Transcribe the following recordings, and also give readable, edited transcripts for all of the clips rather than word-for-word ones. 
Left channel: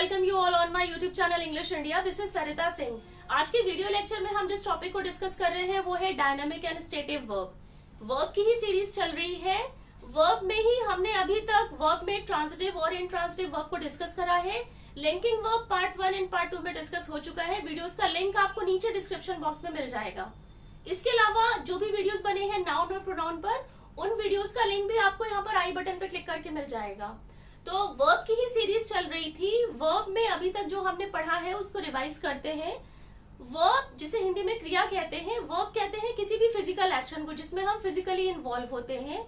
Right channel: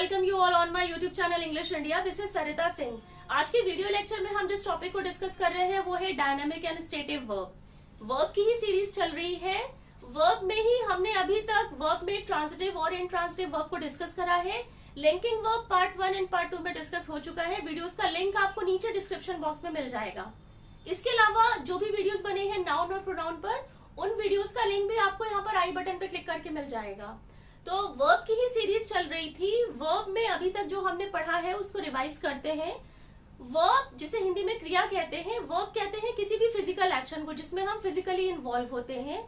Welcome you all on my YouTube channel English India. This is Sarita Singh. आज के video lecture में हम जिस टॉपिक को डिस्कस कर रहे हैं वो है dynamic and stative verb. Verb की ही सीरीज चल रही है। वर्ब में ही हमने अभी तक वर्ब में ट्रांजिटिव और इंट्रांजिटिव वर्ब को डिस्कस करा है। Linking verb part 1 and part 2 में डिस्कस हो चुका है। वीडियोस का लिंक आपको नीचे डिस्क्रिप्शन बॉक्स में मिल जाएगा। इसके अलावा जो भी वीडियोस बने हैं नाउन और प्रोनाउन पर, उन वीडियोस का लिंक भी आपको यहाँ पर आई बटन पे क्लिक करके मिल जाएगा। तो वर्ब की ही सीरीज चल रही थी। वर्ब में अभी तक जो हमने पढ़ा है उसको रिवाइज करते हैं। वर्ब जिसे हिंदी में क्रिया कहते हैं, वर्ब कहते हैं किसी भी फिजिकल एक्शन को जिसमें हम फिजिकली इन्वॉल्व होते हैं।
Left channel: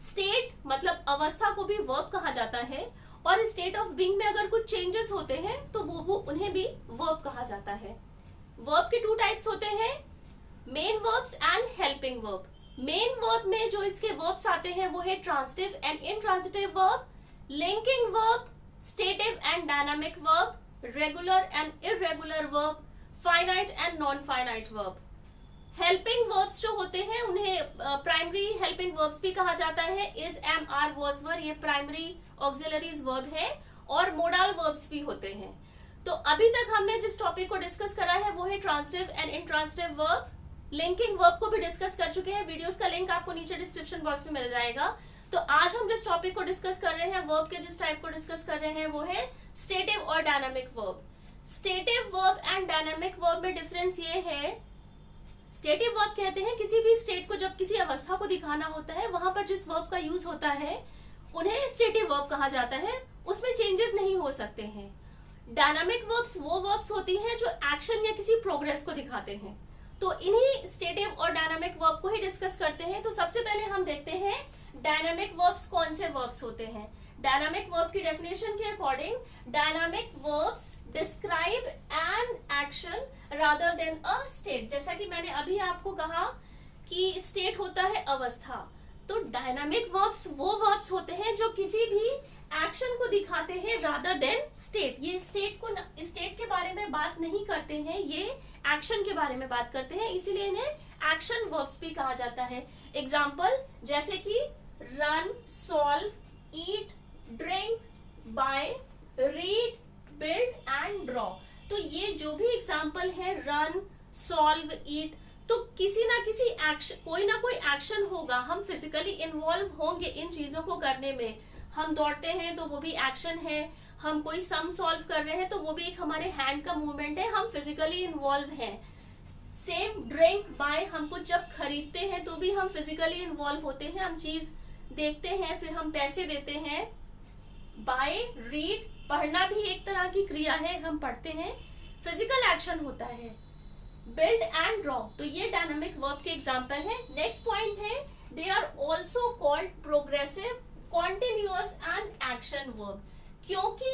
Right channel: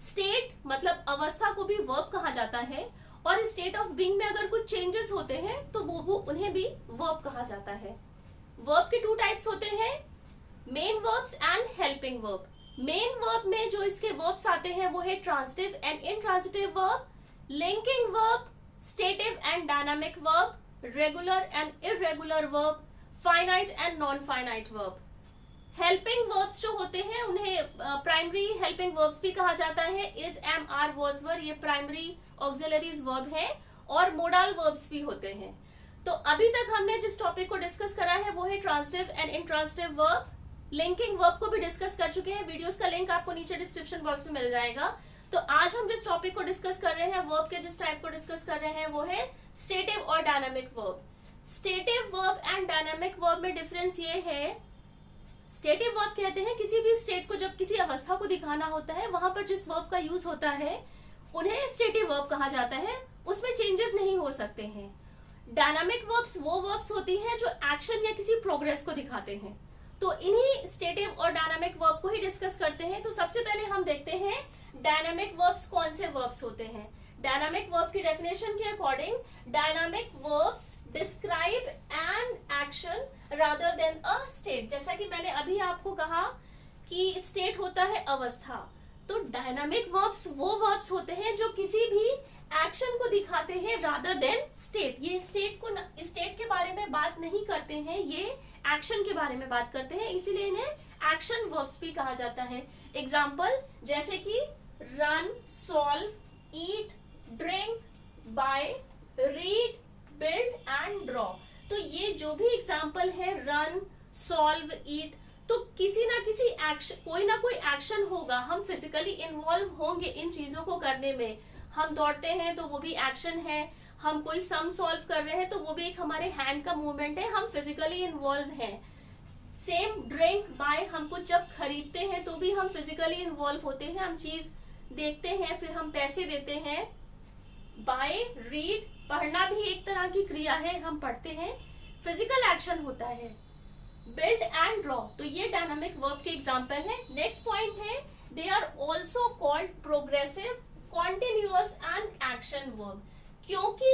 स्टेट मतलब अवस्था को भी वर्ब कहा जाता है, और स्टेट ऑफ बीइंग में अगर कुछ चेंजेस होते हैं तो वो उन्हें भी वर्ब कहा जाता है। वर्ब के 2 टाइप्स होते हैं, main verbs and helping verb. Main verb में जो इसके वर्ब्स आते हैं वो है transitive and intransitive verb, linking verb, stative and dynamic verb, regular and irregular verb, finite and non finite verb. Helping verbs जो होते हैं उन्हें प्राइमरी हेल्पिंग वर्ब्स भी कहा जाता है। इज, एम, आर, वाज, वर ये प्राइमरी ऑक्सिलरीज वर्ब है, और मोडाल वर्ब्स भी होते हैं। तो अभी तक हमने जिस टॉपिक को डिस्कस करा है वो है transitive and intransitive verb. Linking verb को भी डिस्कस कर चुके हैं। वीडियोस का लिंक आपको नीचे डिस्क्रिप्शन बॉक्स में मिल जाएगा। तो आज हम जिस टॉपिक को डिस्कस कर रहे हैं, वर्ब के जिस टाइप को डिस्कस कर रहे हैं वो है स्टेटिव और dynamic verb. Stative verb and dynamic verb में डिफरेंस ये है, स्टेटिव वर्ब कहते हैं किसी भी स्टेट को जब किसी अवस्था को दिखाना होता है वहां पर जिस वर्ब का यूज होता है उन्हें स्टेटिव वर्ब कहा जाता है, उसमें चेंजेस नहीं हो सकते हैं। डायनामिक वर्ब्स वो वर्ब्स होती हैं जो एक्शन या किसी प्रोग्रेस को दिखाते हैं। तो इन्हीं स्टेटिव और डायनामिक वर्ब को ही डिस्कस करते हैं। तो सबसे पहले हम देखते हैं डायनामिक वर्ब्स कौन से वर्ब्स होते हैं। डायनामिक वर्ब की डेफिनेशन के according, dynamic verbs describe an action rather than a state. जैसा कि मैंने अभी आपको कहा कि स्टेट होता है अवस्था, तो डायनामिक वर्ब्स वो वर्ब्स होते हैं जो किसी भी एक्शन को दिखाते हैं रादर देन स्टेट। ये स्टेट के बारे में बात नहीं करते हैं, ये एक्शन के बारे में बात करते हैं, इसीलिए इन्हें एक्शन वर्ब्स भी कहा जाता है। एग्जाम्पल जैसे कि run, solve, eat, drink, buy, read, build and draw. तो ये जो भी एग्जाम्पल है, रन, सॉल्व, ईट, तो किसी ना किसी एक्शन, कोई ना कोई एक्शन होगा। हम फिजिकली इन्वॉल्व होंगे इन चीजों को करने में। हम दौड़ते हैं तो वो भी एक्शन है, हम कोई सम सॉल्व कर रहे हैं तो वो भी एक हमारे हैंड का मूवमेंट है, हम फिजिकली इन्वॉल्व हैं। सेम ड्रिंक, बाय, हम कुछ जब खरीदते हैं तो भी हम फिजिकली इन्वॉल्व होते हैं, हम चीज देखते हैं फिर हम पैसे देते हैं। बाय, रीड, पढ़ना भी एक तरह की क्रिया है, हम पढ़ते हैं, फिजिकल एक्शन होता है। बिल्ड एंड ड्रॉ, तो ये डायनामिक वर्ब के एग्जाम्पल है। नेक्स्ट पॉइंट है, they are also called progressive, continuous and action verb. क्योंकि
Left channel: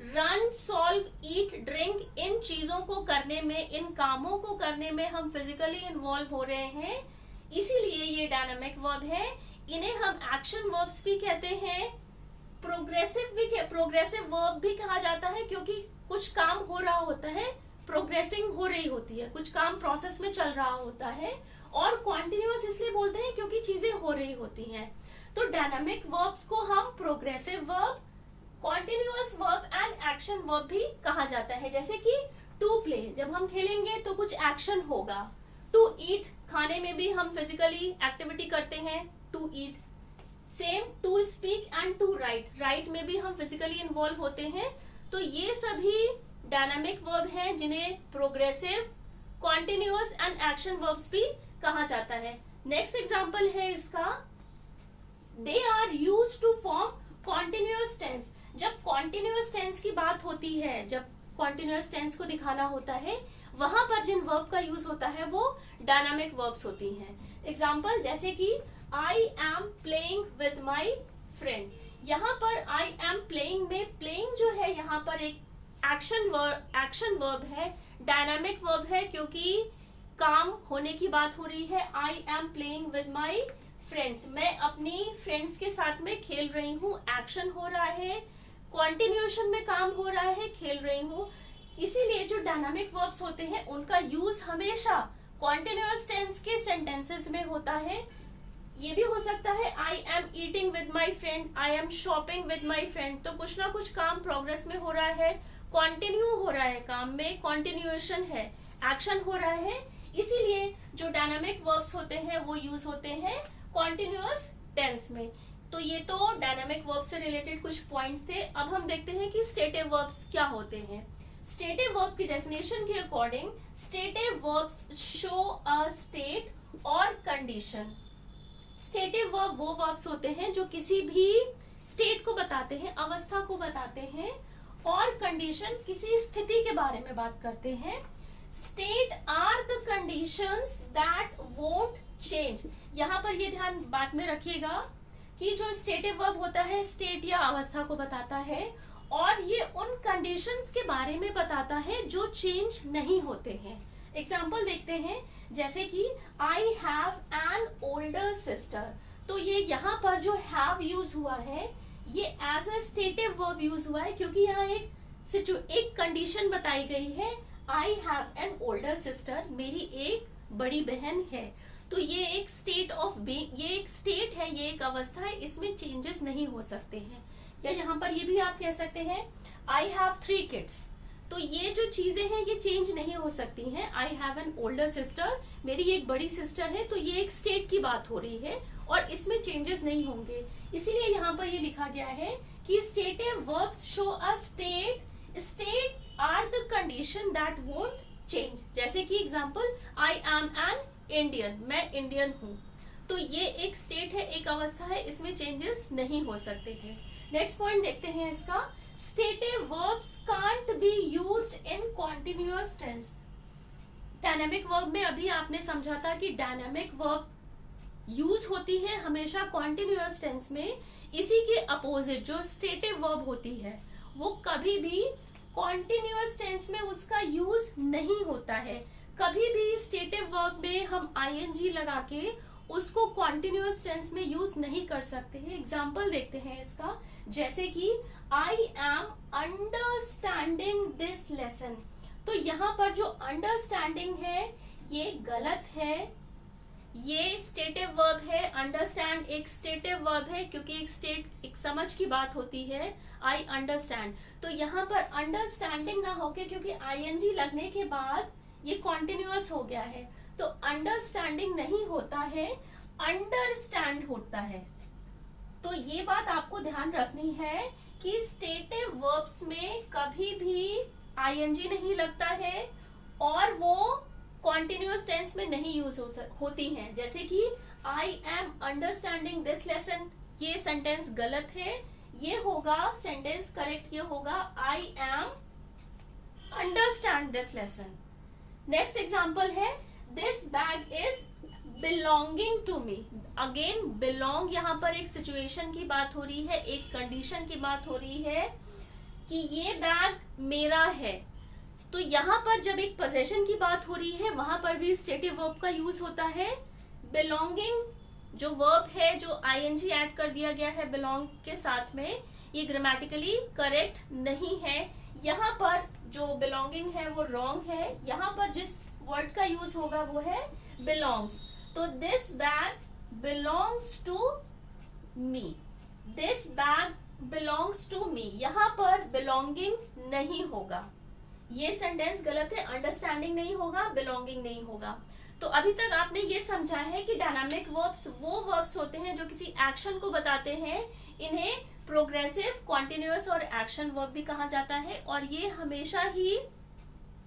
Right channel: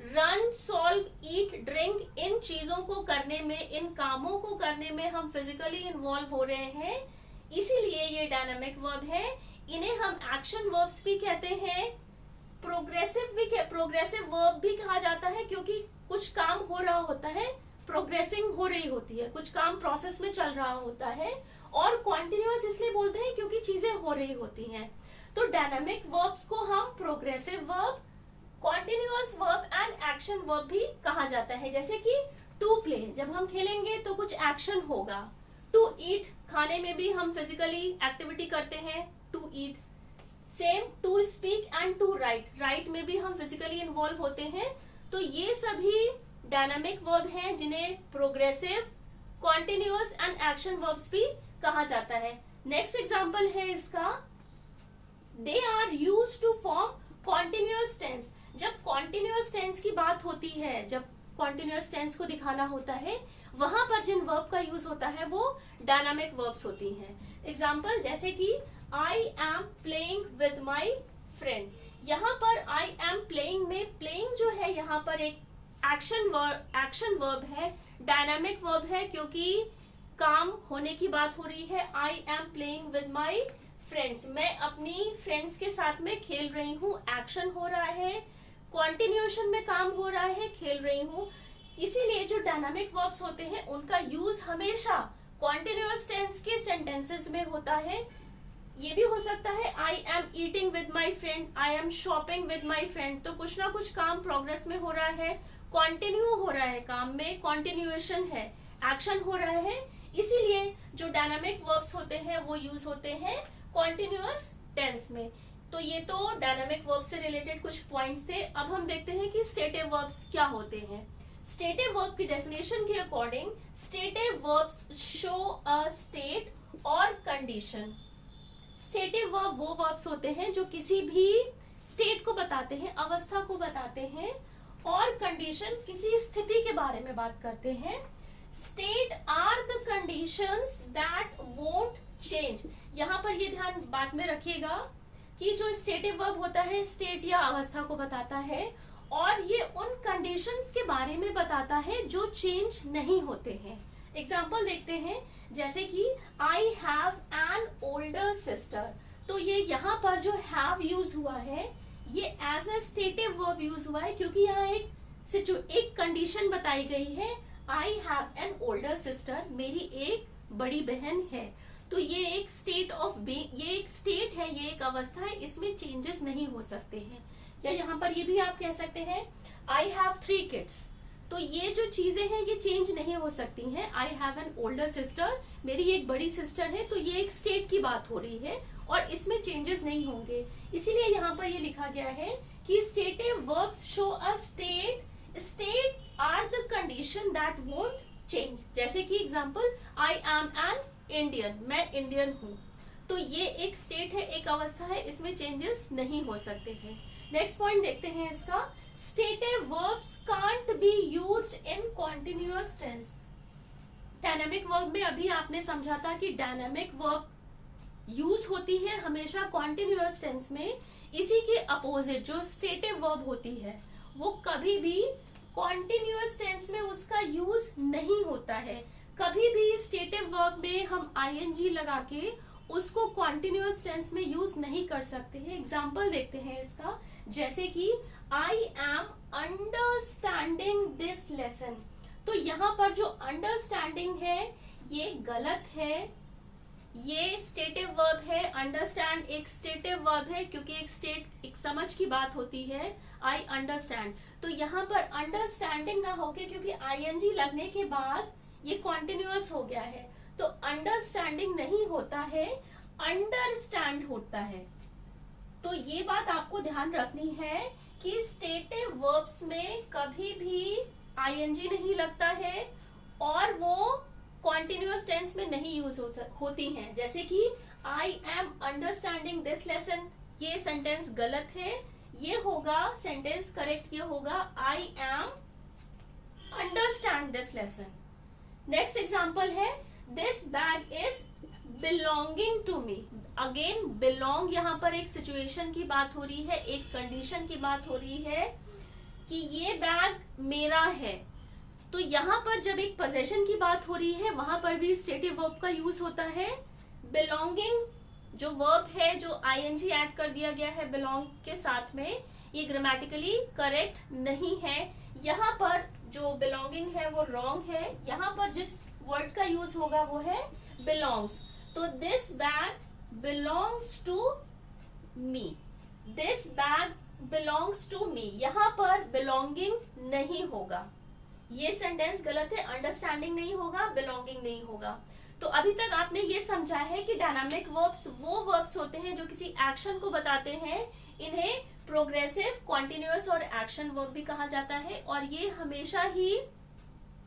रन, सॉल्व, ईट, ड्रिंक इन चीजों को करने में, इन कामों को करने में हम फिजिकली इन्वॉल्व हो रहे हैं, इसीलिए ये डायनामिक वर्ब है। इन्हें हम एक्शन वर्ब्स भी कहते हैं, प्रोग्रेसिव वर्ब भी कहा जाता है, क्योंकि कुछ काम हो रहा होता है, प्रोग्रेसिंग हो रही होती है, कुछ काम प्रोसेस में चल रहा होता है। और कॉन्टिन्यूअस इसलिए बोलते हैं क्योंकि चीजें हो रही होती हैं। तो डायनामिक वर्ब्स को हम progressive verb, continuous verb and action verb भी कहा जाता है। जैसे कि टू प्ले, जब हम खेलेंगे तो कुछ एक्शन होगा। टू ईट, खाने में भी हम फिजिकली एक्टिविटी करते हैं, to eat. Same to speak and to write, write में भी हम फिजिकली इन्वॉल्व होते हैं। तो ये सभी डायनामिक वर्ब हैं जिन्हें progressive, continuous and action verbs भी कहा जाता है। नेक्स्ट एग्जाम्पल है इसका, they are used to form continuous tense. जब कॉन्टिन्यूअस टेंस की बात होती है, जब कॉन्टिन्यूअस टेंस को दिखाना होता है, वहां पर जिन वर्ब का यूज होता है वो डायनामिक वर्ब्स होती हैं। एग्जाम्पल जैसे कि I am playing with my friend. यहाँ पर आई एम प्लेइंग में प्लेइंग जो है यहाँ पर एक एक्शन वर्ब है, डायनामिक वर्ब है, क्योंकि काम होने की बात हो रही है। I am playing with my friends, मैं अपनी फ्रेंड्स के साथ में खेल रही हूँ, एक्शन हो रहा है, कॉन्टिन्यूएशन में काम हो रहा है, खेल रही हूँ। इसीलिए जो डायनामिक वर्ब्स होते हैं उनका यूज हमेशा कॉन्टिन्यूअस टेंस के सेंटेंसेस में होता है। ये भी हो सकता है I am eating with my friend, I am shopping with my friend, तो कुछ ना कुछ काम प्रोग्रेस में हो रहा है, कंटिन्यू हो रहा है, काम में कंटिन्यूएशन है, एक्शन हो रहा है, इसीलिए जो डायनामिक वर्ब्स होते हैं वो यूज होते हैं कॉन्टिन्यूअस टेंस में। तो ये तो डायनामिक वर्ब से रिलेटेड कुछ पॉइंट्स थे। अब हम देखते हैं कि स्टेटिव वर्ब्स क्या होते हैं। स्टेटिव वर्ब की डेफिनेशन के according stative verbs show a state और कंडीशन। स्टेटिव वर्ब वो वर्ब्स होते हैं जो किसी भी स्टेट को बताते हैं, अवस्था को बताते हैं, और कंडीशन किसी स्थिति के बारे में बात करते हैं। State are the conditions that won't change. यहाँ पर ये ध्यान बात में रखिएगा कि जो स्टेटिव वर्ब होता है स्टेट या अवस्था को बताता है, और ये उन कंडीशंस के बारे में बताता है जो चेंज नहीं होते हैं। एग्जाम्पल देखते हैं, जैसे कि आई हैव एन ओल्डर सिस्टर। तो ये यहाँ पर जो हैव यूज हुआ है ये as a stative verb use हुआ है, क्योंकि यहाँ एक कंडीशन बताई गई है, I have an older sister, मेरी एक बड़ी बहन है। तो ये एक स्टेट ऑफ बीइंग, ये एक स्टेट है, ये एक अवस्था है, इसमें चेंजेस नहीं हो सकते हैं। या यहाँ पर ये भी आप कह सकते हैं आई हैव 3 किड्स। तो ये जो चीजें हैं ये चेंज नहीं हो सकती हैं। आई हैव एन ओल्डर सिस्टर, मेरी एक बड़ी सिस्टर है, तो ये एक स्टेट की बात हो रही है और इसमें चेंजेस नहीं होंगे। इसीलिए यहाँ पर ये लिखा गया है कि stative verbs show a state, state are the condition that won't change. जैसे कि example, I am an Indian, मैं इंडियन हूँ। तो ये एक स्टेट है, एक अवस्था है, इसमें चेंजेस नहीं हो सकते हैं। नेक्स्ट पॉइंट देखते हैं इसका, stative verbs can't be used in continuous tense. Dynamic verb में अभी आपने समझा था कि डायनामिक वर्ब यूज होती है हमेशा कॉन्टिन्यूअस टेंस में। इसी के अपोजिट जो स्टेटिव वर्ब होती है वो कभी भी कॉन्टिन्यूअस टेंस में उसका यूज नहीं होता है। कभी भी स्टेटिव वर्ब में हम आईएनजी लगा के उसको कॉन्टिन्यूअस टेंस में यूज नहीं कर सकते हैं। एग्जाम्पल देखते हैं इसका, जैसे कि I am understanding this lesson. तो यहाँ पर जो अंडरस्टैंडिंग है ये गलत है, ये स्टेटिव वर्ब है। अंडरस्टैंड एक स्टेटिव वर्ब है, क्योंकि एक समझ की बात होती है, आई अंडरस्टैंड। तो यहाँ पर अंडरस्टैंडिंग ना होके, क्योंकि आईएनजी लगने के बाद ये कॉन्टिन्यूअस हो गया है, तो अंडरस्टैंडिंग नहीं होता है, अंडरस्टैंड होता है। तो ये बात आपको ध्यान रखनी है कि स्टेटिव वर्ब्स में कभी भी आईएनजी नहीं लगता है और वो कॉन्टिन्यूअस टेंस में नहीं यूज होती हैं। जैसे कि I am understanding this lesson, ये सेंटेंस गलत है, ये होगा सेंटेंस करेक्ट, ये होगा I am understand this lesson. Next example है, this bag is belonging to me. Again belong, यहाँ पर एक सिचुएशन की बात हो रही है, एक कंडीशन की बात हो रही है कि ये बैग मेरा है। तो यहाँ पर जब एक पोजेशन की बात हो रही है वहां पर भी स्टेटिव वर्ब का यूज होता है। बिलोंगिंग जो वर्ब है, जो आईएनजी ऐड कर दिया गया है बिलोंग के साथ में, ये ग्रामेटिकली करेक्ट नहीं है। यहाँ पर जो बिलोंगिंग है वो रॉन्ग है। यहाँ पर जिस वर्ड का यूज होगा वो है बिलोंग्स। तो this bag belongs to me, this bag belongs to me, यहाँ पर बिलोंगिंग नहीं होगा, ये सेंटेंस गलत है। अंडरस्टैंडिंग नहीं होगा, बिलोंगिंग नहीं होगा। तो अभी तक आपने ये समझा है कि डायनामिक वर्ब्स वो वर्ब्स होते हैं जो किसी एक्शन को बताते हैं। इन्हें प्रोग्रेसिव, कॉन्टिन्यूअस और एक्शन वर्ब भी कहा जाता है, और ये हमेशा ही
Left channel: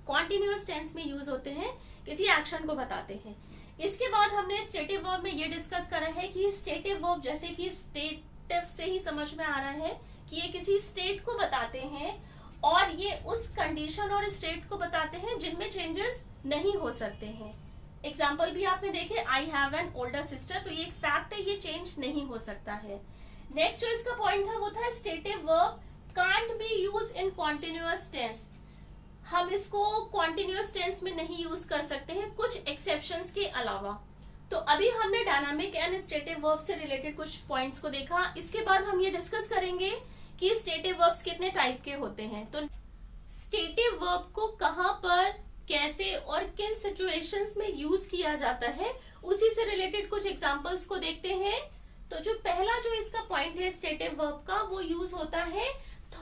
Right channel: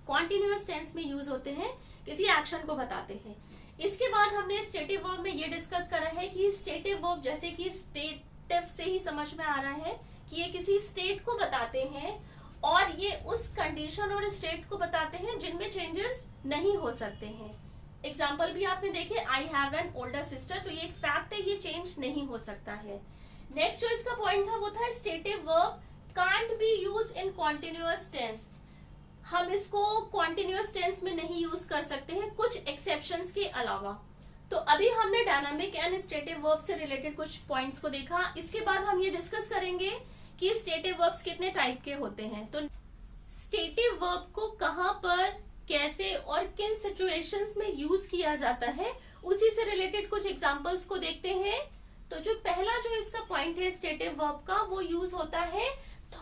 कॉन्टिन्यूअस टेंस में यूज होते हैं, किसी एक्शन को बताते हैं। इसके बाद हमने स्टेटिव वर्ब में ये डिस्कस करा है कि स्टेटिव वर्ब, जैसे कि स्टेटिव से ही समझ में आ रहा है कि ये किसी स्टेट को बताते हैं और ये उस कंडीशन और स्टेट को बताते हैं जिनमें चेंजेस नहीं हो सकते हैं। एग्जाम्पल भी आपने देखे, आई हैव एन ओल्डर सिस्टर, तो ये एक फैक्ट है, ये चेंज नहीं हो सकता है। नेक्स्ट जो इसका पॉइंट था वो था stative verb can't be use in continuous tense. हम इसको कॉन्टिन्यूअस टेंस में नहीं यूज कर सकते हैं कुछ एक्सेप्शंस के अलावा। तो अभी हमने डायनामिक एंड स्टेटिव वर्ब से रिलेटेड कुछ पॉइंट्स को देखा। इसके बाद हम ये डिस्कस करेंगे कि स्टेटिव वर्ब्स कितने टाइप के होते हैं। तो स्टेटिव वर्ब को कहां पर, कैसे और किन सिचुएशंस में यूज किया जाता है, उसी से रिलेटेड कुछ एग्जांपल्स को देखते हैं। तो जो पहला जो इसका पॉइंट है स्टेटिव वर्ब का, वो यूज होता है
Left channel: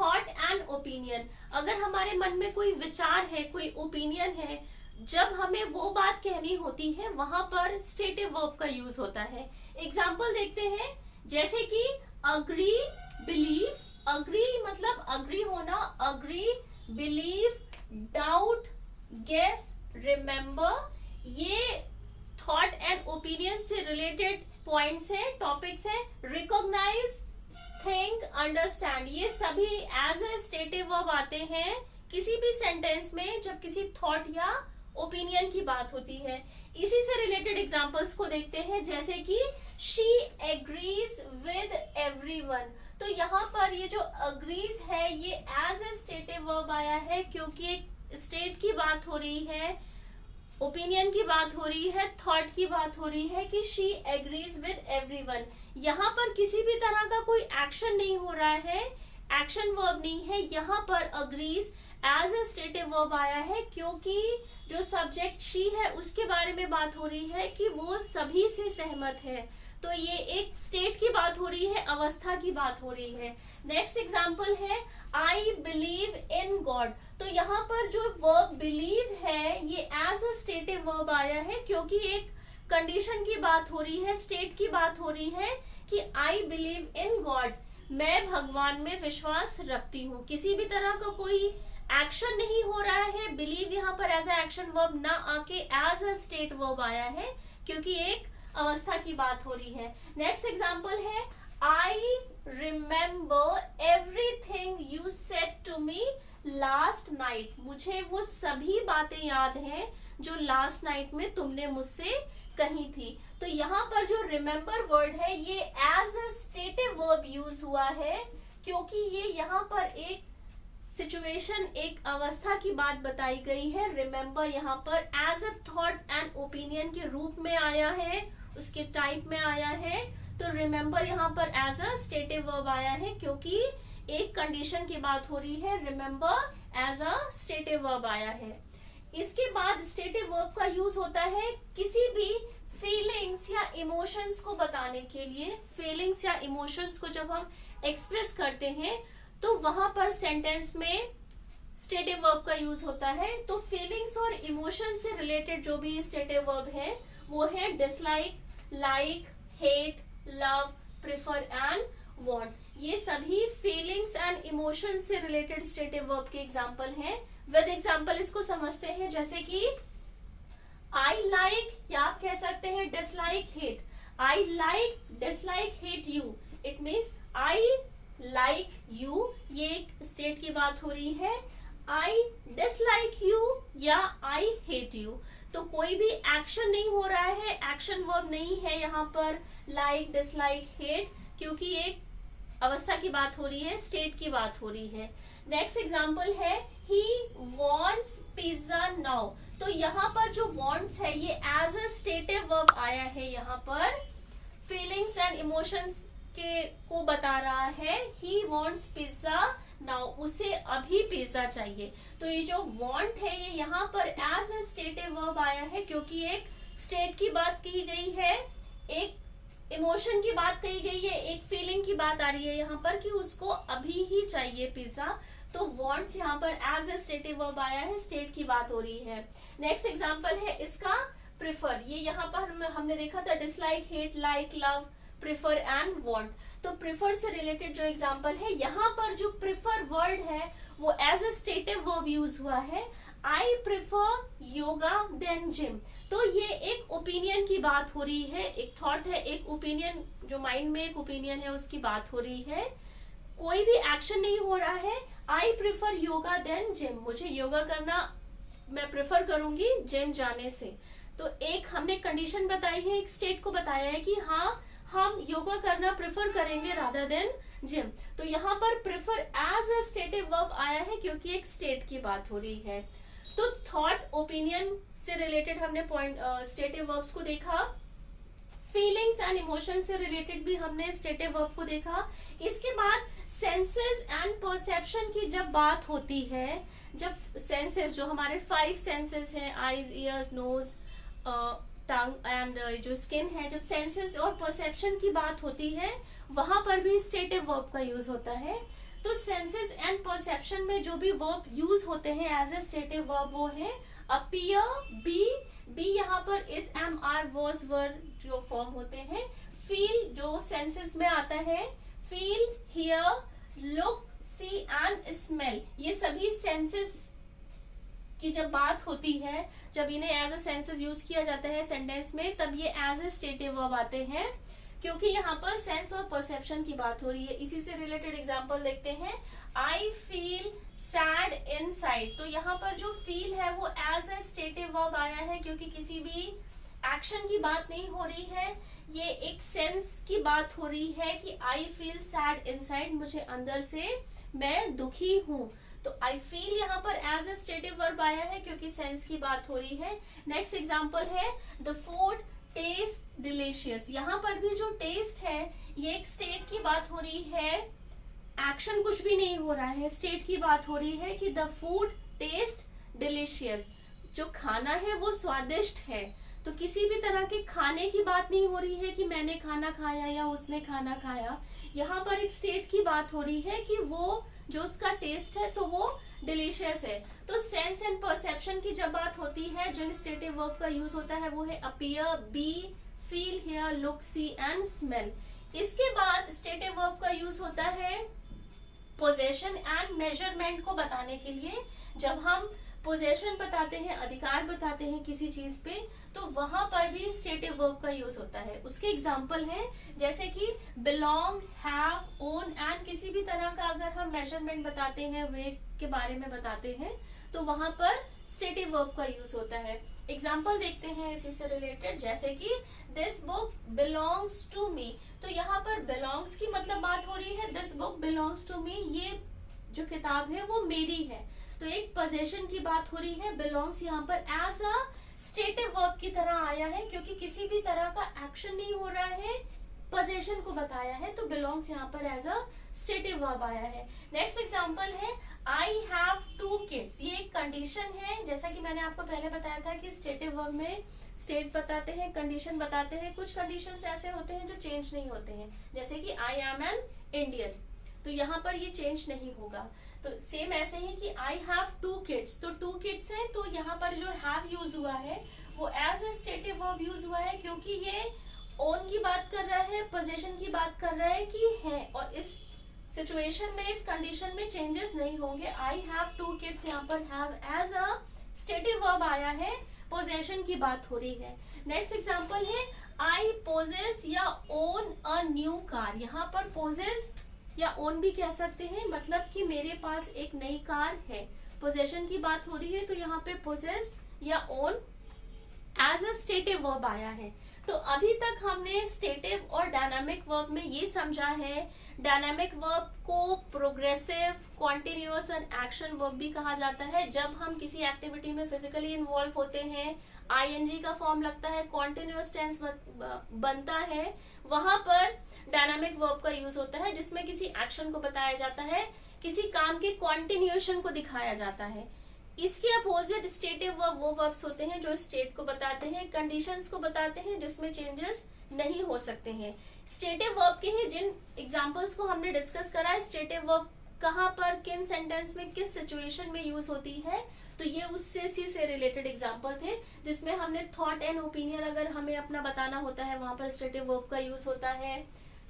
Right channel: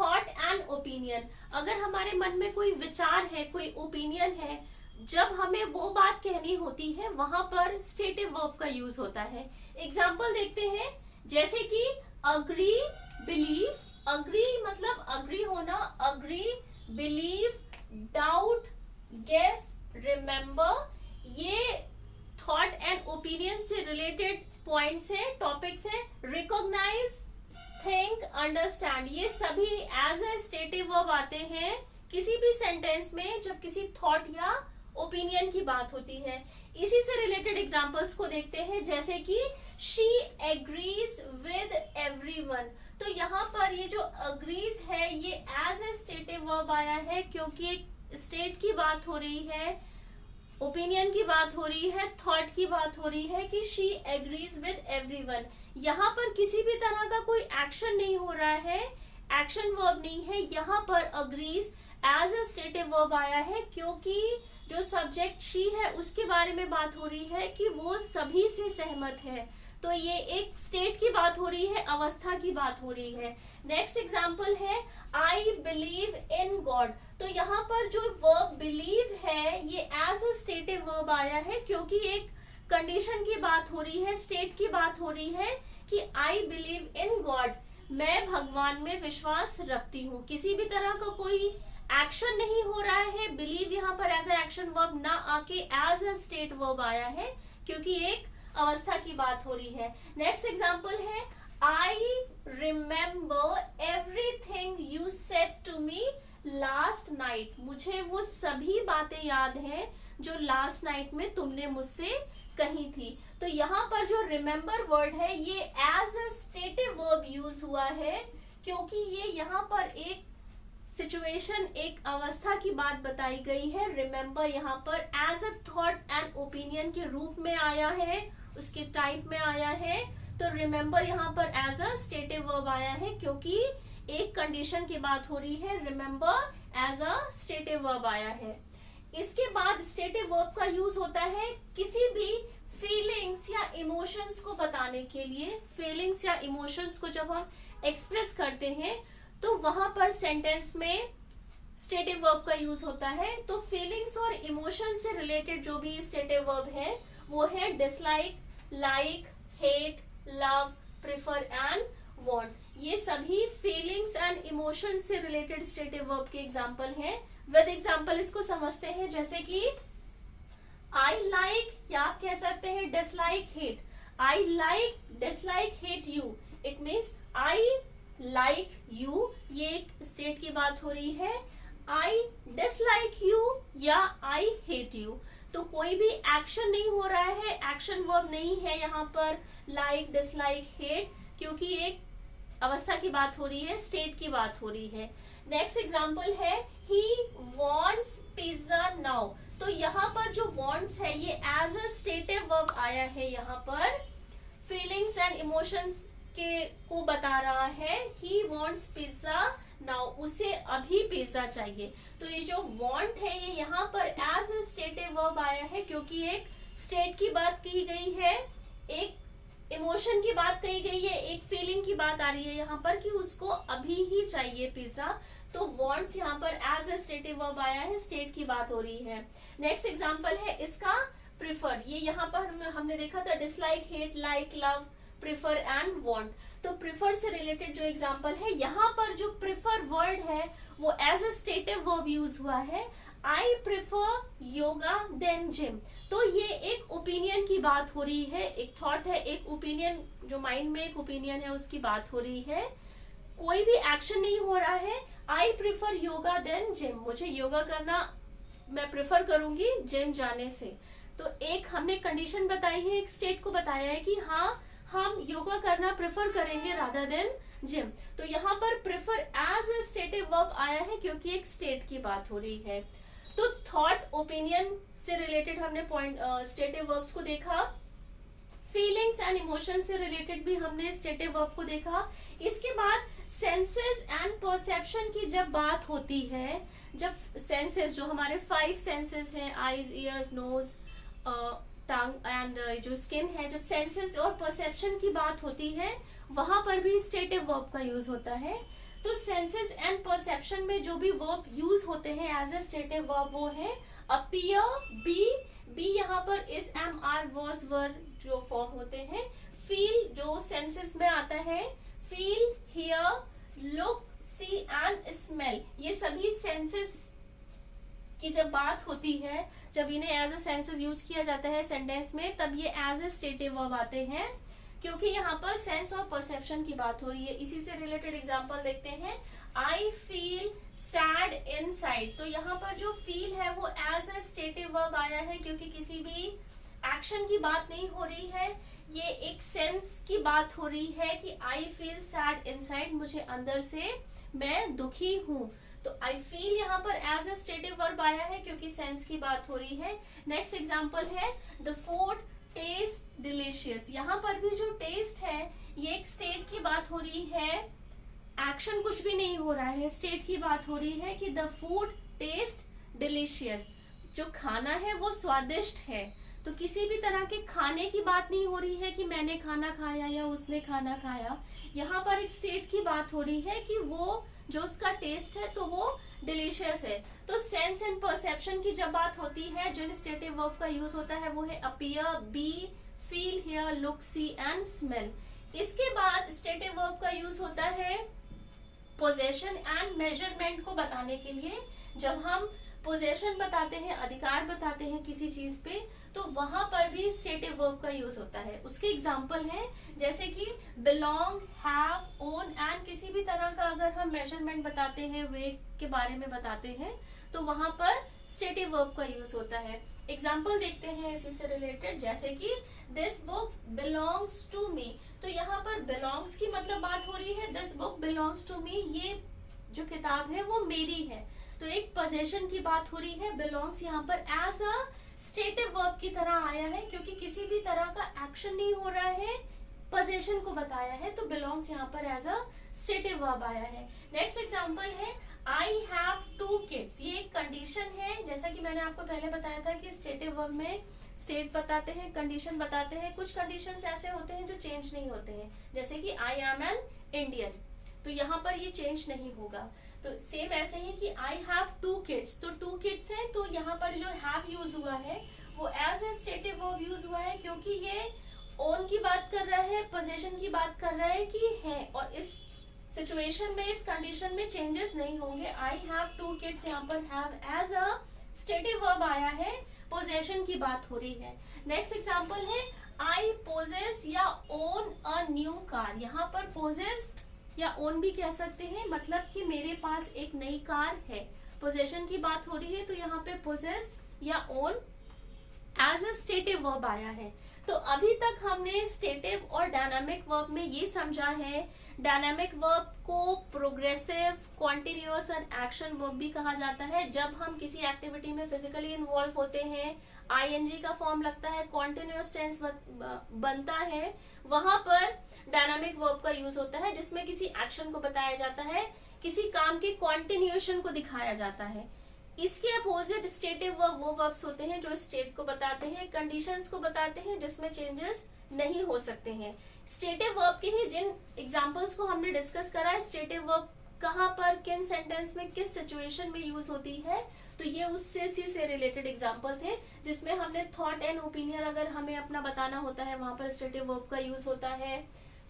थॉट एंड ओपिनियन, अगर हमारे मन में कोई विचार है, कोई ओपिनियन है, जब हमें वो बात कहनी होती है वहां पर स्टेटिव वर्ब का यूज होता है। एग्जाम्पल देखते हैं, जैसे कि अग्री, बिलीव, अग्री मतलब अग्री होना, agree, believe, doubt, guess, remember, ये थॉट एंड ओपिनियन से रिलेटेड पॉइंट्स हैं, टॉपिक्स हैं। रिकॉग्नाइज, थिंक, अंडरस्टैंड, ये सभी एज ए स्टेटिव वर्ब आते हैं किसी भी सेंटेंस में जब किसी थॉट या ओपिनियन की बात होती है। इसी से रिलेटेड एग्जांपल्स को देखते हैं, जैसे कि शी एग्रीज विद एवरीवन। तो यहाँ पर ये जो अग्रीज है ये एज ए स्टेटिव वर्ब आया है क्योंकि एक स्टेट की बात हो रही है, ओपिनियन की बात हो रही है, थॉट की बात हो रही है कि शी एग्रीज विद एवरीवन। यहाँ पर किसी भी तरह का कोई एक्शन नहीं हो रहा है, एक्शन वर्ब नहीं है, यहाँ पर agrees as a stative verb आया है क्योंकि जो सब्जेक्ट शी है उसके बारे में बात हो रही है कि वो सभी से सहमत है। तो ये एक स्टेट की बात हो रही है, अवस्था की बात हो रही है। नेक्स्ट एग्जाम्पल है आई बिलीव इन गॉड। तो यहाँ पर जो वर्ब बिलीव है ये एज अ स्टेटिव वर्ब आया है क्योंकि एक कंडीशन की बात हो रही है, स्टेट की बात हो रही है कि आई बिलीव इन गॉड, मैं भगवान में विश्वास रखती हूँ। किसी भी तरह का कोई एक्शन नहीं हो रहा है, बिलीव यहाँ पर एज ए एक्शन वर्ब ना आके एज अ स्टेट वर्ब आया है क्योंकि एक अवस्था की बात हो रही है। नेक्स्ट एग्जाम्पल है I remember everything you said to me last night. मुझे वो सभी बातें याद हैं जो लास्ट नाइट में तुमने मुझसे कही थी। तो यहाँ पर जो रिमेम्बर वर्ड है ये as a stative verb use हुआ है क्योंकि ये यहाँ पर एक सिचुएशन, एक अवस्था की बात बताई गई है। रिमेम्बर यहाँ पर as a thought and opinion के रूप में आया है, उसके टाइप में आया है। तो रिमेम्बर यहाँ पर एज अ स्टेटिव वर्ब आया है क्योंकि एक कंडीशन की बात हो रही है। Remember as a stative verb आया है। इसके बाद स्टेटिव वर्ब का यूज होता है किसी भी फीलिंग्स या इमोशंस को बताने के लिए। फीलिंग्स या इमोशंस को जब हम एक्सप्रेस करते हैं तो वहां पर सेंटेंस में स्टेटिव वर्ब का यूज होता है। तो फीलिंग्स और इमोशन से रिलेटेड जो भी स्टेटिव वर्ब है वो है dislike, like, hate, love, prefer and want. ये सभी फीलिंग्स एंड इमोशन से रिलेटेड स्टेटिव वर्ब के एग्जाम्पल हैं। विद एग्जाम्पल इसको समझते हैं, जैसे कि आई लाइक, या आप कह सकते हैं dislike, hate. I like, dislike, hate you. It means I like you, ये एक स्टेट की बात हो रही है। आई डिसलाइक यू या आई हेट यू। तो कोई भी एक्शन नहीं हो रहा है, एक्शन वर्ब नहीं है यहाँ पर लाइक, डिसलाइक, हेट, क्योंकि एक अवस्था की बात हो रही है, स्टेट की बात हो रही है। नेक्स्ट एग्जाम्पल है ही वॉन्ट्स पिज्जा नाउ। तो यहाँ पर जो वॉन्ट्स है ये एज अ स्टेटिव वर्ब आया है, यहाँ पर फीलिंग्स एंड इमोशंस के को बता रहा है। ही वॉन्ट्स पिज्जा नाउ, उसे अभी पिज्जा चाहिए। तो ये जो वॉन्ट है ये यहाँ पर एज अ स्टेटिव वर्ब आया है क्योंकि एक स्टेट की बात की गई है, एक इमोशन की बात कही गई है, एक फीलिंग की बात आ रही है यहाँ पर कि उसको अभी ही चाहिए पिज्जा। तो वॉन्ट्स यहाँ पर एज अ स्टेटिव वर्ब आया है, स्टेट की बात हो रही है। नेक्स्ट एग्जाम्पल है इसका प्रिफर। ये यहाँ पर हमने देखा था dislike, hate, like, love, prefer and want. तो प्रिफर से रिलेटेड जो एग्जांपल है, यहाँ पर जो प्रिफर वर्ड है वो as a stative verb use हुआ है। I prefer yoga than gym. तो ये एक ओपिनियन की बात हो रही है, एक थॉट है, एक ओपिनियन, जो माइंड में एक ओपिनियन है उसकी बात हो रही है। कोई भी एक्शन नहीं हो रहा है। I prefer yoga than gym, मुझे योगा करना मैं प्रिफर करूंगी जिम जाने से। तो एक हमने कंडीशन बताई है, एक स्टेट को बताया है कि हाँ हम योगा करना प्रेफर करेंगे रादर देन जिम। तो यहाँ पर prefer as a stative verb आया है क्योंकि एक स्टेट की बात हो रही है। तो थॉट, ओपिनियन से रिलेटेड हमने पॉइंट स्टेटिव वर्ब्स को देखा। फीलिंग्स एंड इमोशन से रिलेटेड भी हमने स्टेटिव वर्ब को देखा। इसके बाद सेंसेस एंड परसेप्शन की जब बात होती है, जब सेंसेस, जो हमारे 5 सेंसेस हैं, eyes, ears, nose, tongue and जो स्किन है, जब सेंसेस और परसेप्शन की बात होती है वहां पर भी स्टेटिव वर्ब का यूज होता है। तो सेंसेस एंड परसेप्शन में जो भी वर्ब यूज होते हैं एज ए स्टेटिव वर्ब वो है अपीयर, बी यहाँ पर इज, एम, आर, वॉज, वर जो फॉर्म होते हैं, फील जो सेंसेस में आता है, feel, hear, look, see and smell, ये सभी सेंसेस की जब बात होती है, जब इन्हें एज ए सेंसेस यूज किया जाता है सेंटेंस में, तब ये एज ए स्टेटिव वर्ब आते हैं, क्योंकि यहाँ पर सेंस और परसेप्शन की बात हो रही है। इसी से रिलेटेड एग्जांपल देखते हैं। आई फील सैड इनसाइड, तो यहाँ पर जो फील है वो एज ए स्टेटिव वर्ब आया है, क्योंकि किसी भी एक्शन की बात नहीं हो रही है, ये एक सेंस की बात हो रही है कि आई फील सैड इनसाइड, मुझे अंदर से मैं दुखी हूँ। तो आई फील यहाँ पर एज ए स्टेटिव वर्ब आया है क्योंकि सेंस की बात हो रही है। नेक्स्ट एग्जांपल है द फूड टेस्ट डिलीशियस, यहाँ पर भी जो टेस्ट है ये एक स्टेट की बात हो रही है, एक्शन कुछ भी नहीं हो रहा है, स्टेट की बात हो रही है कि द फूड टेस्ट डिलीशियस, जो खाना है वो स्वादिष्ट है। तो किसी भी तरह के खाने की बात नहीं हो रही है कि मैंने खाना खाया या उसने खाना खाया, यहाँ पर एक स्टेट की बात हो रही है कि वो जो उसका टेस्ट है तो वो डिलीशियस है। तो सेंस एंड परसेप्शन की जब बात होती है, जिन स्टेटिव वर्ब का यूज होता है वो है appear, be, feel, hear, look, see and smell. इसके बाद स्टेटिव वर्ब का यूज होता है पोजेशन एंड मेजरमेंट को बताने के लिए। जब हम पोजेशन बताते हैं, अधिकार बताते हैं किसी चीज पे, तो वहां पर भी स्टेटिव वर्ब का यूज होता है। उसके एग्जाम्पल है जैसे कि बिलोंग, हैव, ओन एंड किसी भी तरह का अगर हम मेजरमेंट बताते हैं, वेट के बारे में बताते हैं, तो वहां पर स्टेटिव वर्ब का यूज होता है। एग्जाम्पल देखते हैं इसी से रिलेटेड, जैसे कि this book belongs to me, तो यहाँ पर बिलोंग्स की मतलब बात हो रही है, this book belongs to me, ये जो किताब है वो मेरी है। तो एक पोजेशन की बात हो रही है, बिलोंग्स यहाँ पर एज अ स्टेटिव वर्ब की तरह आया है क्योंकि किसी भी तरह का एक्शन नहीं हो रहा है, पोजेशन को बताया है, तो बिलोंग्स यहाँ पर एज अ स्टेटिव वर्ब आया है। नेक्स्ट एग्जांपल है आई हैव 2 किड्स, ये एक कंडीशन है। जैसा कि मैंने आपको पहले बताया था कि स्टेटिव वर्ब में स्टेट बताते हैं, कंडीशन बताते हैं। कुछ कंडीशंस ऐसे होते हैं जो चेंज नहीं होते हैं, जैसे कि आई एम एन इंडियन, तो यहाँ पर ये चेंज नहीं होगा। तो सेम ऐसे ही कि आई हैव 2 किड्स, तो 2 किड्स है, तो यहाँ पर जो हैव यूज हुआ है वो as a stative verb use हुआ है क्योंकि ये ओन की बात कर रहा है, पोजेशन की बात कर रहा है कि है, और इस सिचुएशन में, इस कंडीशन में चेंजेस नहीं होंगे। आई हैव 2 किड्स, यहाँ पर have as a stative verb आया है, पोजेशन की बात हो रही है। नेक्स्ट एग्जांपल है आई पोजेस या ओन अ न्यू कार, यहाँ पर पोजेस या ओन भी कह सकते हैं, मतलब कि मेरे पास एक नई कार है, पोजेशन की बात हो रही है, तो यहाँ पे पोजेस या own as a stative verb आया है। तो अभी तक हमने स्टेटिव और डायनामिक वर्ब में ये समझा है, डायनामिक वर्ब को progressive, continuous and action verb भी कहा जाता है। जब हम किसी एक्टिविटी में फिजिकली इन्वॉल्व होते हैं, आईएनजी का फॉर्म लगता है, कॉन्टिन्यूअस टेंस बनता है, वहां पर डायनामिक वर्ब का यूज होता है जिसमें किसी एक्शन को बताया जाता है, किसी काम के कॉन्टिन्यूएशन को दिखाया जाता है। इसके अपोजिट स्टेटिव वर्ब वो वर्ब्स होते हैं जो स्टेट को बताते हैं, कंडीशंस को बताते हैं, जिसमें चेंजेस नहीं हो सकते हैं। स्टेटिव वर्ब के ही जिन एग्जांपल्स को हमने डिस्कस करा है, स्टेटिव वर्ब कहाँ पर, किन सेंटेंस में, किस सिचुएशन में यूज होती है, तो ये उससे से रिलेटेड एग्जांपल थे जिसमें हमने थॉट एंड ओपिनियन अगर हमें अपना बताना होता है, वहां पर स्टेटिव वर्ब का यूज होता है।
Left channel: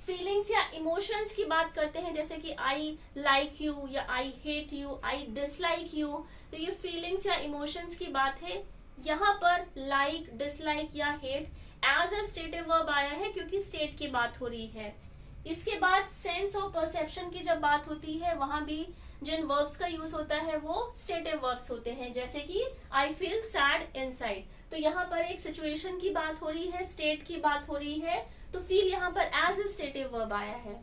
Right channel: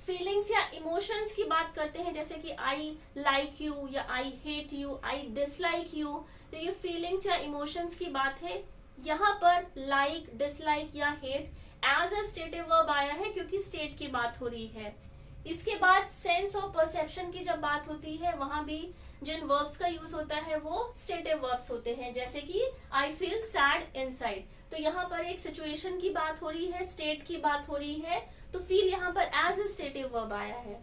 फीलिंग्स या इमोशंस की बात करते हैं, जैसे कि आई लाइक यू या I hate you, I dislike you, तो ये फीलिंग्स या इमोशंस की बात है। यहाँ पर लाइक, डिसलाइक या hate as a stative verb आया है क्योंकि स्टेट की बात हो रही है। इसके बाद सेंस और परसेप्शन की जब बात होती है, वहां भी जिन वर्ब्स का यूज होता है वो स्टेटिव वर्ब्स होते हैं, जैसे कि आई फील सैड इनसाइड, तो यहाँ पर एक सिचुएशन की बात हो रही है, स्टेट की बात हो रही है, तो फील यहाँ पर एज ए स्टेटिव वर्ब आया है।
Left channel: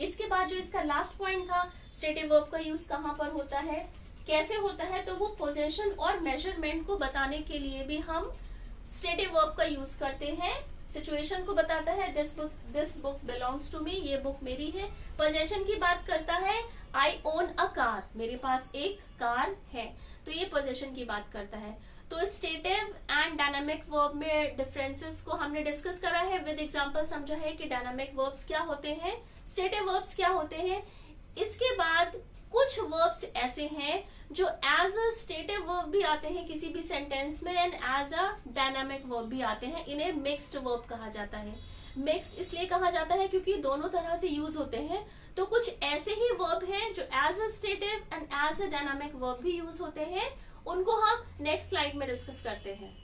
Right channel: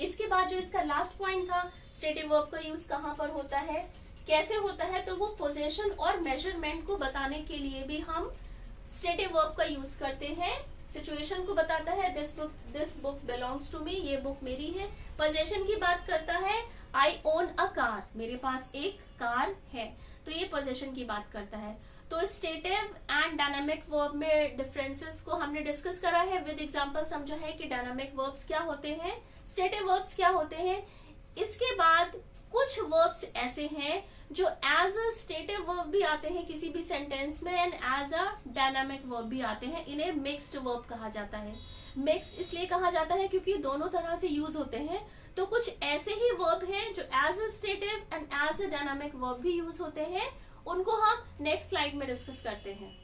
इसके बाद जो इसका लास्ट पॉइंट था, स्टेटिव वर्ब का यूज कहाँ पर होता है, कैसे होता है, तो वो पोजेशन और मेजरमेंट को बताने के लिए भी हम स्टेटिव वर्ब का यूज करते हैं। सिचुएशन को बताता है, this book belongs to me, ये बुक मेरी है। पोजेशन की बात करता है, आई ओन अ कार, मेरे पास एक कार है, तो ये पोजेशन की बात करता है। तो स्टेटिव एंड डायनामिक वर्ब में डिफरेंसेस को हमने डिस्कस करा है, विद एग्जांपल समझा है कि डायनामिक वर्ब्स क्या होते हैं, स्टेटिव वर्ब्स क्या होते हैं। इसके बाद कुछ वर्ब्स ऐसे हैं जो एज अ स्टेटिव वर्ब भी आते हैं किसी भी सेंटेंस में and as a dynamic verb भी आते हैं। इन्हें मिक्स्ड वर्ब कहा जाता है। मिक्स्ड इसलिए कहा जाता है क्योंकि दोनों तरह से यूज होते हैं। तो कुछ ऐसे ही वर्ब हैं जो as a stative and as a dynamic verb भी यूज होते हैं, उनको हम नेक्स्ट स्लाइड में डिस्कस करते हैं।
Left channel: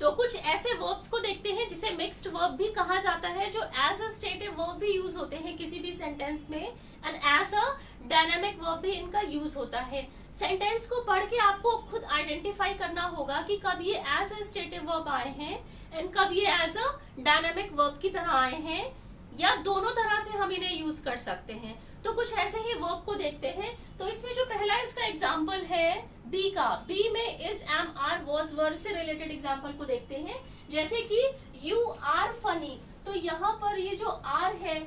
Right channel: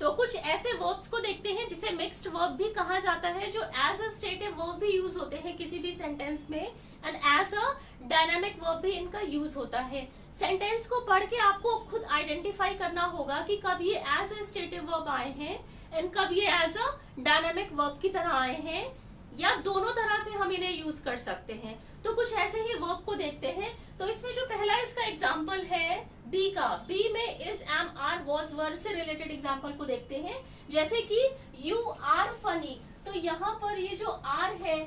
तो कुछ ऐसे वर्ब्स को देखते हैं जिसे मिक्स्ड वर्ब भी कहा जाता है, जो एज अ स्टेटिव वर्ब भी यूज होते हैं किसी भी सेंटेंस में and as a dynamic verb भी इनका यूज होता है। सेंटेंस को पढ़ के आपको खुद आइडेंटिफाई करना होगा कि कब ये एज अ स्टेटिव वर्ब आए हैं एंड कब ये एज अ डायनामिक वर्ब की तरह आए हैं, या दोनों तरह से हम इन्हें यूज कर सकते हैं। तो कुछ ऐसे ही वर्ब को देखते हैं। तो इसमें जो पहला इसका एग्जाम्पल है बी का, बी में इज, एम, आर, वॉज, वर से रिलेटेड एग्जाम्पल को देखते हैं। जैसे कि यू आर फनी, तो यहाँ पर ये जो आर है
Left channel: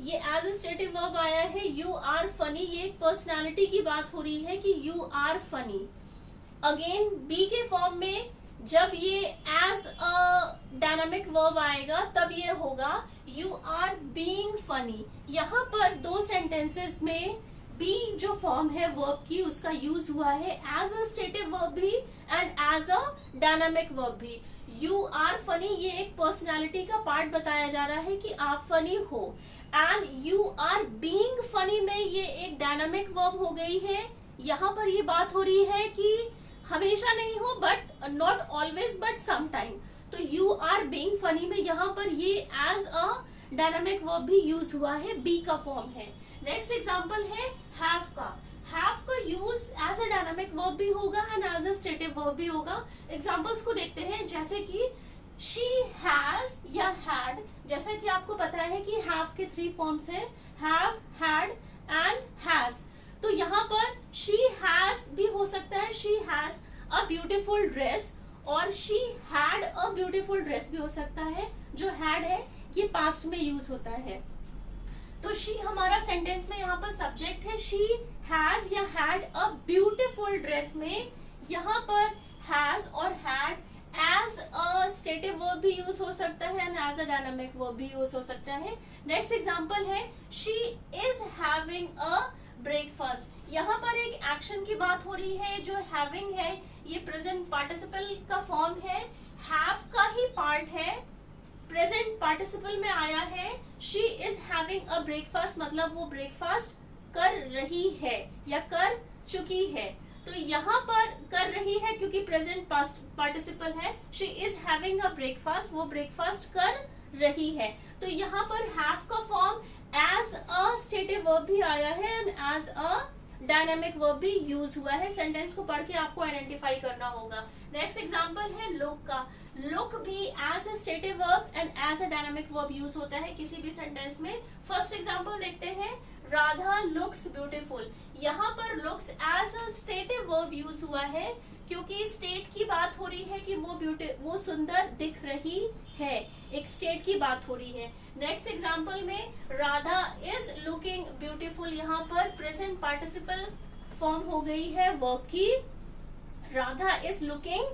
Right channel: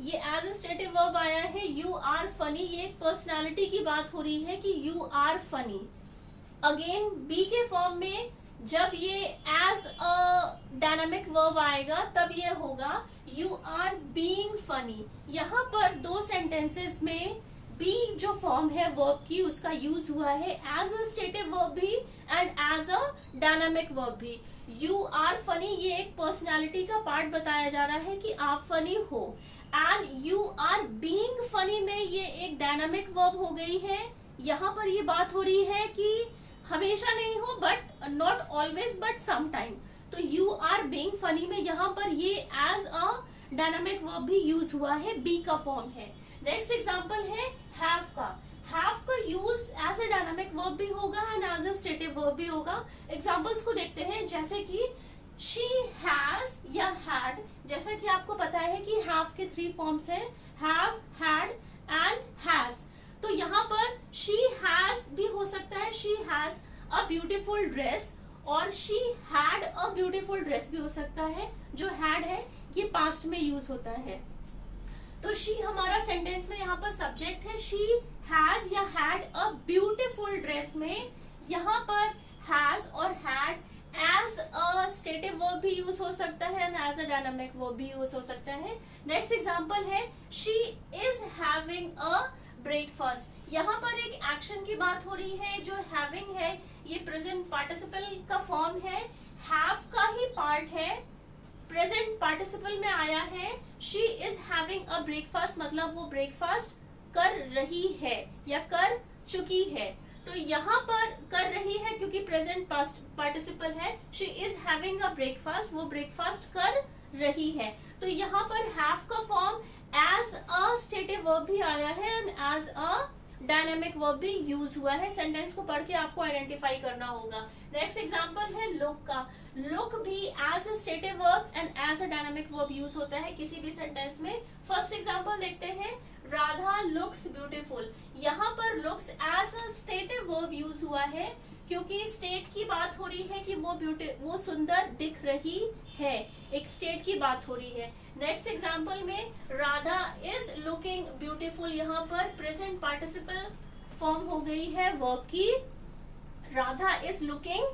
ये एज अ स्टेटिव वर्ब आया है, यू आर फनी। ये एक पर्सनालिटी की बात हो रही है कि you are funny. Again be के फॉर्म में जब ये एज अ डायनामिक वर्ब आएगा तब ये होगा यू आर बीइंग फनी। यहाँ पर दो सेंटेंसेस में बी जो फॉर्म है वर्ब की उसका यूज हुआ है एज अ स्टेटिव वर्ब भी and as a dynamic verb भी। यू आर फनी ये एक पर्सनालिटी का पार्ट बताया जा रहा है कि आप फनी हो, and you are being funny में ये एक डायनामिक वर्ब हो गई है। यहाँ पर ये बात हो रही है कि हमेशा नहीं हो, but not always, but some time. तो यू आर बीइंग फनी में यहाँ पर ये एज अ डायनामिक वर्ब भी यूज हुआ है, बी का फॉर्म है। नेक्स्ट एग्जांपल है हैव का। हैव का use as a dynamic verb भी होगा and as a stative verb भी होगा। एग्जांपल्स को देखते हैं, जैसे कि शी हैज या हैड। जैसा कि आपको पता है कि हैव के 3 फॉर्म्स है, हैव, हैड एंड हैज। तो यहाँ पर शी हैज भी हो सकता है, she has a beautiful dress, और she had a beautiful dress भी हो सकता है। जो हैड है ये पास्ट में यूज होता है। तो शी हमारा सेंटेंस में यहाँ पर सब्जेक्ट है, शी हैज या हैड अ ब्यूटीफुल ड्रेस में यहाँ पर हैज और had as a stative verb भी यूज हो सकता है and as a dynamic verb भी यूज हो सकता है। नेक्स्ट एग्जांपल है she is having a breakfast. यहाँ पर एक एक्शन की बात हो रही है। जो हैविंग है ये प्रेजेंट पार्टिसिपल का फॉर्म है, हैव का ही पार्ट है, प्रेजेंट पार्टिसिपल में आया है। She is having a breakfast मतलब वो ब्रेकफास्ट कर रही है या कर चुकी है। तो यहाँ पर कर रही है क्योंकि प्रेजेंट पार्टिसिपल है। She is having a breakfast, वो ब्रेकफास्ट कर रही है। तो यहाँ पर हैव का form as a stative verb भी आया है and as a dynamic verb भी यूज हुआ है। सेंटेंस को पढ़ के आपको आइडेंटिफाई करना होगा। नेक्स्ट एग्जांपल है लुक का। लुक भी as a stative verb and as a dynamic verb use होता है किसी भी सेंटेंस में। फर्स्ट एग्जांपल देखते हैं, राधा लुक्स ब्यूटीफुल। यहाँ पर looks as a stative verb use हुआ है क्योंकि स्टेट की बात हो रही है कि वो सुंदर दिख रही है, एक स्टेट की बात हो रही है। नेक्स्ट एग्जांपल में राधा इज लुकिंग ब्यूटीफुल, यहाँ पर प्रेजेंट पार्टिसिपल फॉर्म हो गई है वर्ब की। Radha is looking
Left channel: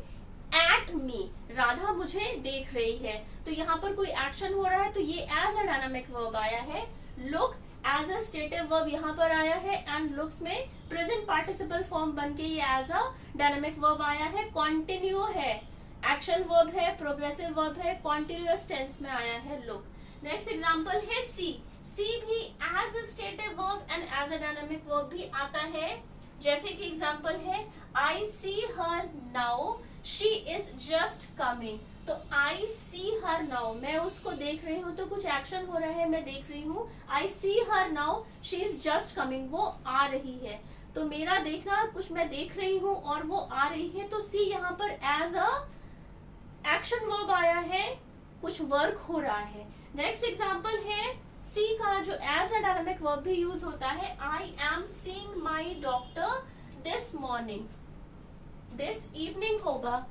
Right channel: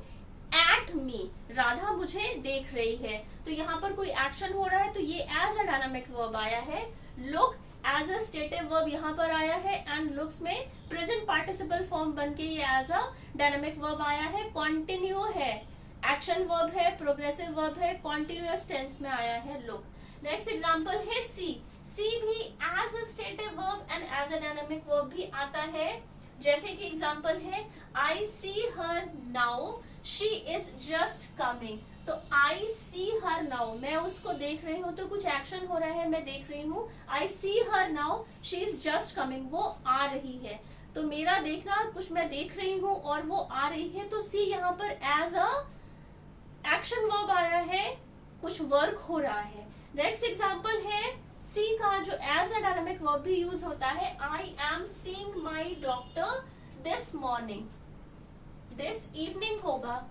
at me, Radha मुझे देख रही है। तो यहाँ पर कोई एक्शन हो रहा है तो ये एज अ डायनामिक वर्ब आया है। Look as a stative verb यहाँ पर आया है एंड लुक्स में प्रेजेंट पार्टिसिपल फॉर्म बन के ये एज अ डायनामिक वर्ब आया है। कॉन्टिन्यू है, एक्शन वर्ब है, प्रोग्रेसिव वर्ब है, कॉन्टिन्यूअस टेंस में आया है लुक। नेक्स्ट एग्जांपल है सी। सी भी as a stative verb and as a dynamic verb भी आता है। जैसे कि एग्जांपल है I see her now, she is just coming. तो आई सी हर नाउ, मैं उसको देख रही हूँ, तो कुछ एक्शन हो रहा है, मैं देख रही हूँ। I see her now, she is just coming, वो आ रही है। तो मेरा देखना, कुछ मैं देख रही हूँ और वो आ रही है, तो सी यहाँ पर एज अ एक्शन वर्ब आया है, कुछ वर्क हो रहा है। नेक्स्ट एग्जांपल है सी का, जो एज अ डायनामिक वर्ब भी यूज होता है। I am seeing my doctor this morning, this evening होगा,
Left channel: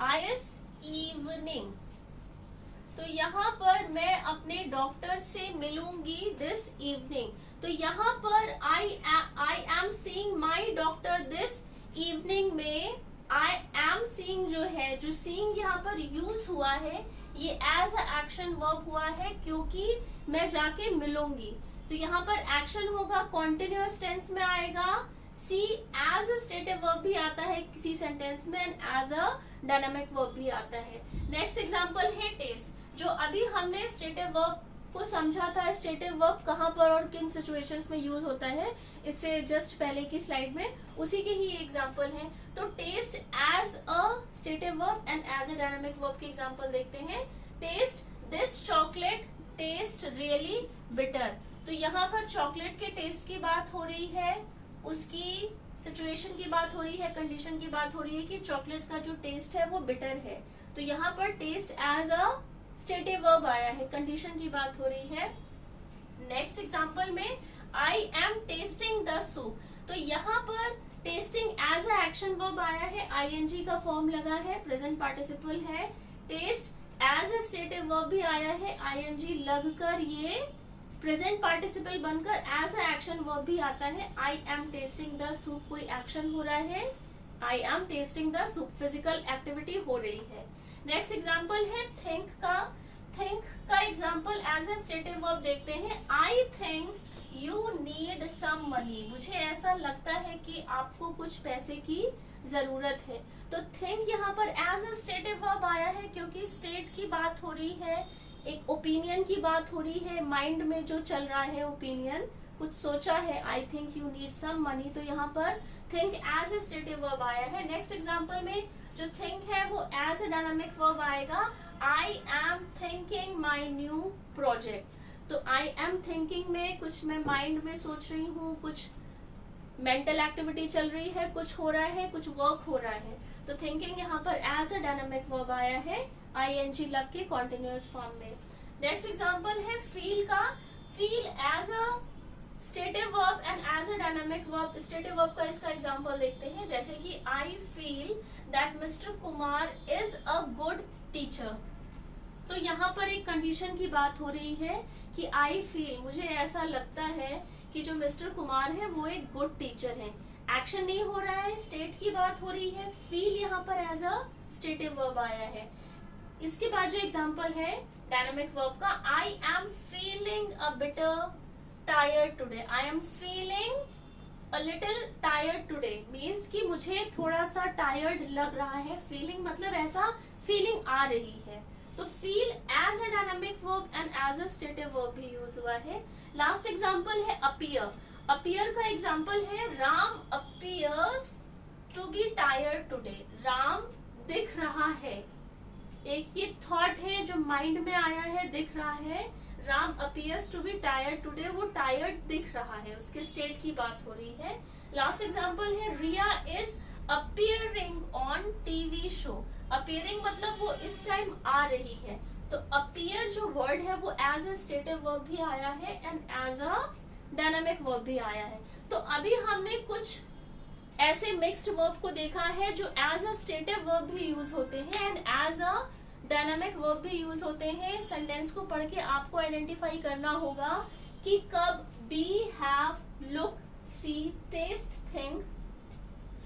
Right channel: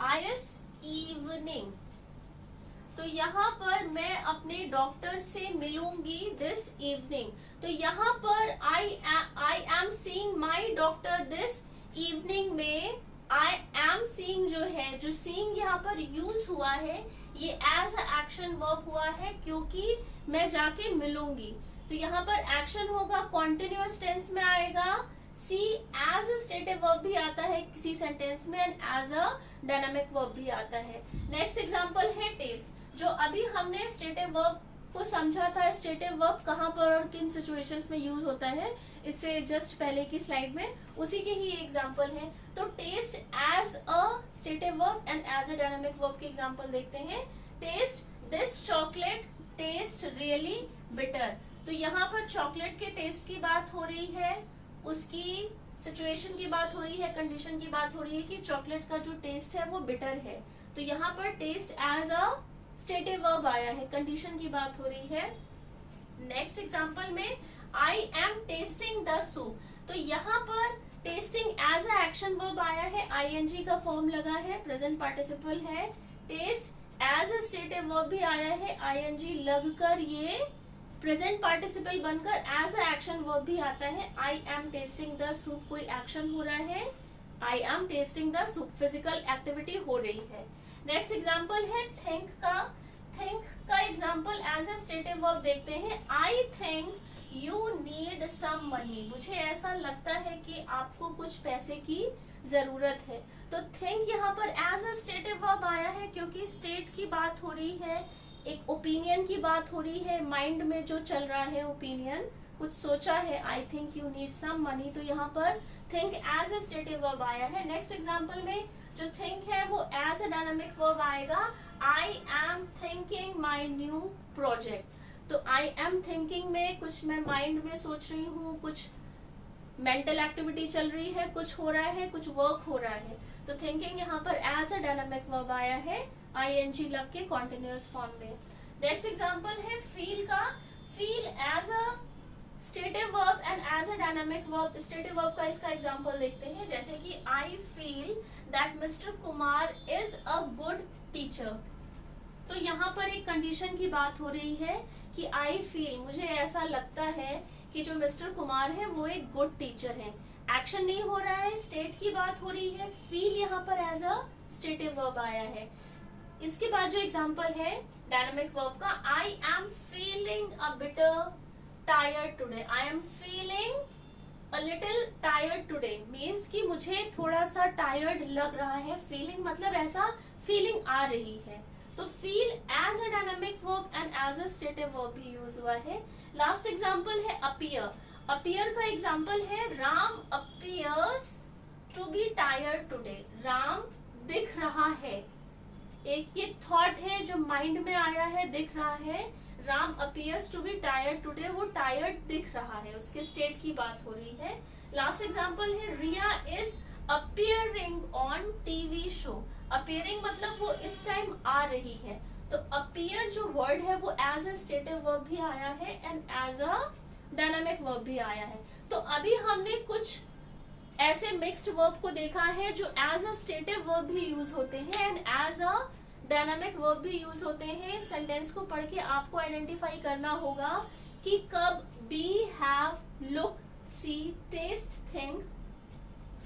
आई इज इवनिंग। तो यहाँ पर मैं अपने डॉक्टर से मिलूंगी दिस इवनिंग। तो यहाँ पर I am seeing my doctor this evening में आई एम सीइंग जो है, जो सीइंग यहाँ पर यूज हुआ है, ये एज अ एक्शन वर्ब हुआ है क्योंकि मैं जाके मिलूंगी। तो यहाँ पर एक्शन होगा, कॉन्टिन्यूअस टेंस में आएगा। See as a stative verb भी आता है किसी सेंटेंस में and as a dynamic verb भी आता है। नेक्स्ट एग्जांपल है टेस्ट। जो अभी हमने स्टेटिव वर्ब को समझा था, स्टेटिव वर्ब कहाँ पर और किन सिचुएशंस में यूज होता है, इससे जस्ट पहले की स्लाइड में उसी के ही एग्जांपल हैं। तो taste as a stative verb and as a dynamic verb के एग्जांपल देखते हैं। Taste, this chocolate taste really bitter. तो यहाँ पर चॉकलेट के टेस्ट की बात हो रही है, उसकी सिचुएशन की बात हो रही है, कंडीशन की बात हो रही है कि चॉकलेट का जो टेस्ट है वो बिटर है। तो यहाँ पर taste as a stative verb आया है, कंडीशन की बात हो रही है। नेक्स्ट एग्जांपल में I am tasting the soup. तो यहाँ पर tasting as a action verb आया है, आईएनजी का फॉर्म लगा है, प्रेजेंट पार्टिसिपल है। Taste as a stative verb भी आया है, आईएनजी लगकर ये प्रेजेंट पार्टिसिपल बनकर एज अ एक्शन वर्ब भी आता है। I am tasting the soup, कोई एक्शन हो रहा है, I am tasting the soup, physical activity हो रही है। नेक्स्ट एग्जांपल है थिंक का। थिंक का example as a stative verb देखते हैं। I think you need some money. मुझे ऐसा लगता है कि आपको कुछ पैसे की जरूरत है। तो थिंक यहाँ पर एज अ स्टेटिव वर्ब आया है क्योंकि स्टेट की बात हो रही है, एक ओपिनियन की बात हो रही है, माइंड में जो चल रहा है ओपिनियन, कुछ सोचा है, I think you need some money. तो यहाँ पर think as a stative verb आया है। नेक्स्ट एग्जांपल में जो थिंक है वो एज अ डायनामिक वर्ब आएगा। I am thinking my new project. तो आई एम थिंकिंग में कुछ मैं माइंड में सोच रही हूँ, कुछ मेंटल एक्टिविटी चल रही है, कुछ हो रहा है, कुछ वर्क हो रहा है। तो थिंकिंग यहाँ पर एज अ डायनामिक वर्ब आया है, आईएनजी लग के कॉन्टिन्यूअस फॉर्म में। नेक्स्ट एग्जांपल है फील का। Feel as a stative verb and as a dynamic verb. Stative verb का इसका एग्जांपल देखते हैं, जैसे कि I feel that mister Kumar is a good teacher. तो यहाँ पर एक कंडीशन की बात हो रही है कि आई फील, मुझे ऐसा लगता है कि जो मिस्टर कुमार है वो एक गुड टीचर है। एक्शन नहीं हो रहा है, स्टेट की बात हो रही है। फील यहाँ पर एज अ स्टेटिव वर्ब आया है। इसके बाद जो एग्जांपल है डायनामिक वर्ब का, I am feeling a bitter tired today. I am feeling a little tired today means कि मुझे थोड़ा सा टायर्ड लग रहा है। फीलिंग मतलब ऐसा फीलिंग आ रही है। तो feel as a dynamic verb and as a stative verb भी यूज हुआ है। लास्ट एग्जांपल है अपीयर। अपीयर का एग्जांपल है Ram appears to be tired today. Ram दिख रहा है, एक ये थॉट है जो माइंड में आया है, दिख रहा है। Ram appears to be tired today, वो टायर्ड दिख रहा है, उसके स्टेट की बात हो रही है। लास्ट एग्जांपल है Riya is appearing on TV show. Appearing मतलब वो इस टाइम आ रही है। तो अपीयर जो वर्ड है वो एज अ स्टेटिव वर्ब भी आया है and as a dynamic verb भी आया है। तो अभी हमने कुछ ऐसे मिक्स्ड वर्ब को देखा है जो एज अ स्टेटिव वर्ब भी यूज होते हैं and as a dynamic verb भी यूज होते हैं। सेंटेंस को पढ़ के आपको आइडेंटिफाई करना होगा कि कब be, have, look, see, taste, think,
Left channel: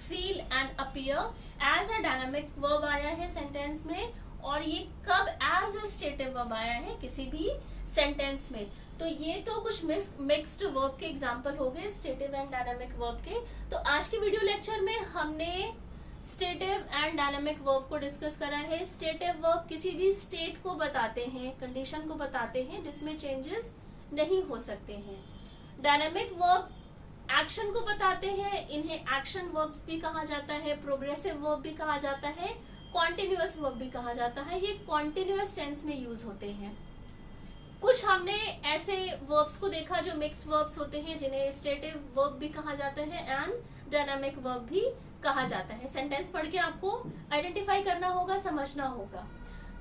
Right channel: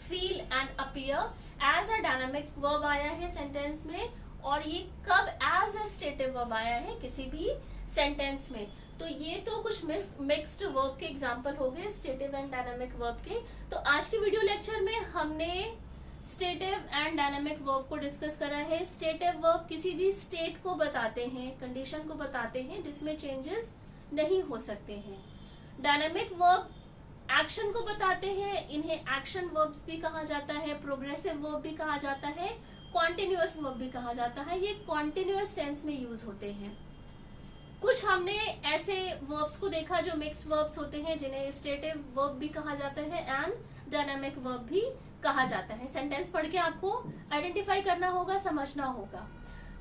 feel and appear as a dynamic verb आया है सेंटेंस में, और ये कब एज अ स्टेटिव वर्ब आया है किसी भी सेंटेंस में। तो ये तो कुछ मिक्स्ड वर्ब के एग्जांपल हो गए, स्टेटिव एंड डायनामिक वर्ब के। तो आज के वीडियो लेक्चर में हमने स्टेटिव एंड डायनामिक वर्ब को डिस्कस करा है। स्टेटिव वर्ब किसी भी स्टेट को बताते हैं, कंडीशन को बताते हैं जिसमें चेंजेस नहीं हो सकते हैं। डायनामिक वर्ब एक्शन को बताते हैं, इन्हें एक्शन वर्ब्स भी कहा जाता है, प्रोग्रेसिव वर्ब भी कहा जाता है, कॉन्टिन्यूअस वर्ब भी कहा जाता है। ये कॉन्टिन्यूअस टेंस में यूज होते हैं। कुछ हमने ऐसे वर्ब्स को देखा जो मिक्स वर्ब्स होते हैं, जिन्हें स्टेटिव वर्ब भी कहा जाता है एंड डायनामिक वर्ब भी कहा जाता है। सेंटेंस पढ़ के आपको आइडेंटिफाई करना होगा, समझना होगा।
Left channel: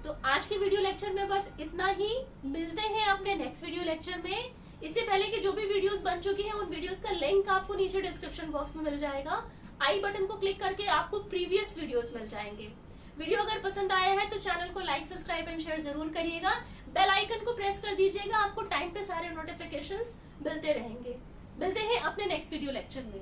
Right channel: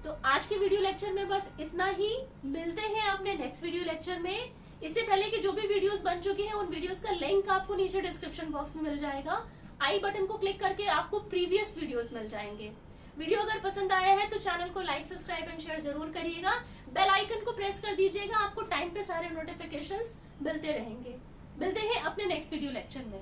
तो आज के वीडियो लेक्चर में बस इतना ही। मिलते हैं अपने नेक्स्ट वीडियो लेक्चर में। इससे पहले कि जो भी वीडियोस बन चुकी हैं उन वीडियोस का लिंक आपको नीचे डिस्क्रिप्शन बॉक्स में मिल जाएगा। आई बटन को क्लिक करके आपको प्रीवियस वीडियोस मिल जाएंगे। वीडियो अगर पसंद आया है तो चैनल को लाइक, सब्सक्राइब एंड शेयर जरूर करिएगा। बेल आइकन को प्रेस कर दीजिएगा, आपको टाइम पे सारे नोटिफिकेशंस मिलते रहेंगे। मिलते हैं अपने नेक्स्ट वीडियो लेक्चर में।